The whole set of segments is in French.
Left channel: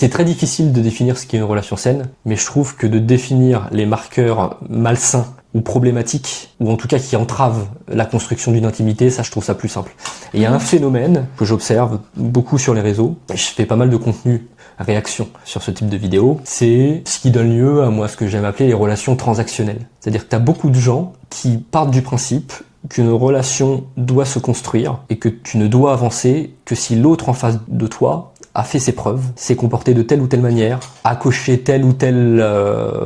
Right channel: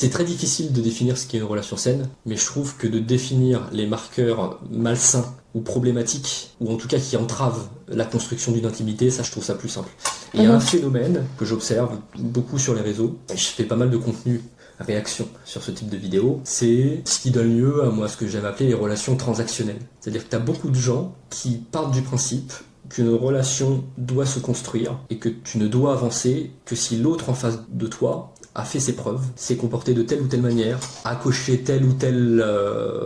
C'est très difficile de définir ce qu'est une relation saine, mais je trouve que de définir les marqueurs malsains ou problématiques, ou en tout cas qui entravent la construction d'une intimité, ça je trouve ça plus simple. Et il y a un phénomène que j'observe beaucoup sur les réseaux, je fais pas mal de contenu réaction sur ce type de vidéo, c'est ce qui donne lieu à moi ce que j'aime appeler les relations transactionnelles. C'est-à-dire que tu as beaucoup de gens qui partent du principe qu'une relation doit se construire et que tu ne dois avancer que si l'autre en face de toi a fait ses preuves, s'est comporté de telle ou telle manière, a coché telle ou telle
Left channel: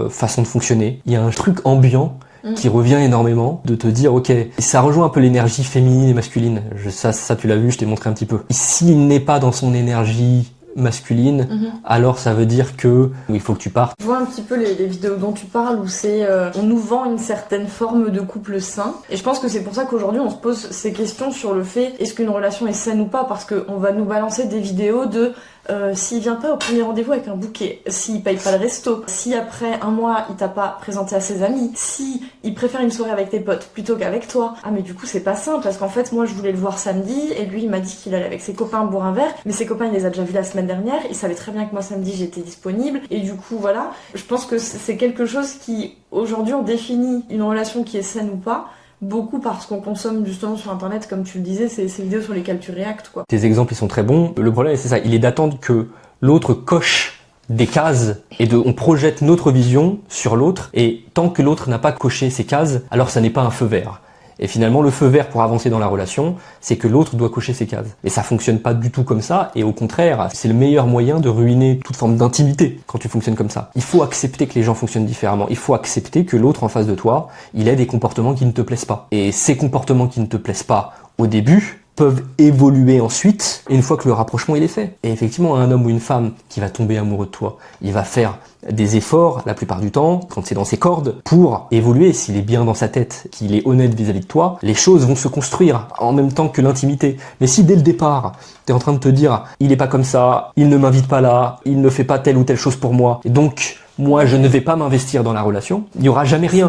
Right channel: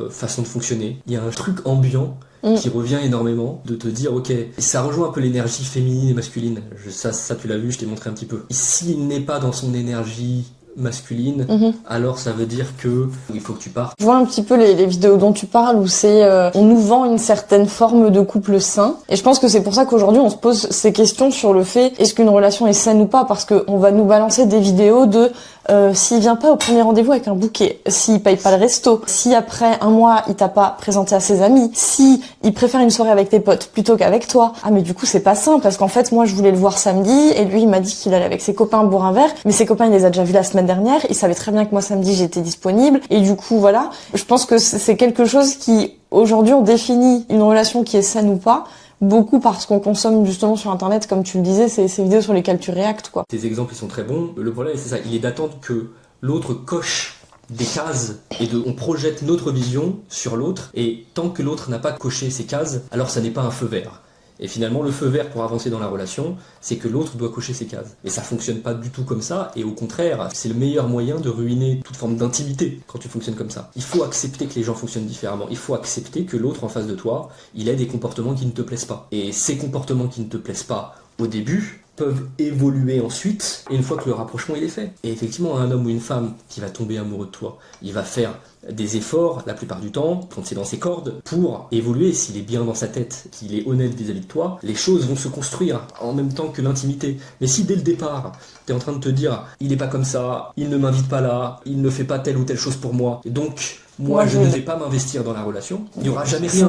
façon de fonctionner. Il y a un truc ambiant qui revient énormément, de te dire ok, ça rejoint un peu l'énergie féminine et masculine. Ça tu l'as vu, je t'ai montré un petit peu. Et s'il n'est pas dans son énergie masculine, alors ça veut dire que il faut que tu partes. Je vois un petit peu les vidéos dont tu parles où c'est on nous vend une certaine forme de couple sain, et je pense que c'est pour ça qu'aujourd'hui on se pose ces questions sur le fait est-ce qu'une relation est saine ou pas, parce que on va nous balancer des vidéos de s'il vient pas au premier rendez-vous avec un bouquet, s'il paye pas le resto, si après un mois il t'a pas présenté à ses amis, si il préfère une soirée avec tes potes plutôt qu'avec toi. Ah mais du coup c'est pas sain, parce qu'en fait moi je voulais le voir samedi et lui il m'a dit qu'il allait avec ses copains boire un verre, mais ses copains il les a déjà vus la semaine dernière, il savait très bien que moi samedi j'étais disponible, et du coup voilà, je pense que c'est quelque chose qui aujourd'hui on définit une relation qui est saine ou pas beaucoup parce qu'on consomme justement sur internet, comme tu le disais, ces vidéos sur lesquelles tu réactes quoi. Tes exemples ils sont très bons, le problème c'est ça, il est d'attendre que l'autre coche des cases et on projette notre vision sur l'autre, et tant que l'autre n'a pas coché ces cases, alors ça n'est pas un feu vert. Et finalement, le feu vert pour avancer dans la relation, c'est que l'autre doit cocher ses cases. Mais ça fonctionne pas du tout comme ça, et au contraire, c'est le meilleur moyen de ruiner toute forme d'intimité quand tu fonctionnes comme ça. Il faut accepter que les gens fonctionnent différemment. Il faut accepter que l'autre en face de toi, il ait des comportements qui ne te plaisent pas. Et ces comportements qui ne te plaisent pas au début peuvent évoluer ensuite, une fois que le rapprochement il est fait. Et effectivement, un homme ou une femme qui va tomber amoureux de toi, il va faire des efforts, la plupart du temps, quand c'est dans ses cordes, pour évoluer. S'il est bien dans sa tête, qu'il est honnête vis-à-vis de toi, les choses vont se construire en même temps que l'intimité. Mais si dès le départ, t'es en train de te dire « il est pas comme ça, il ne m'invite pas là, il ne fait pas telle ou telle chose pour moi, et donc moi je ne vais pas m'investir dans la relation », il n'y aura jamais rien.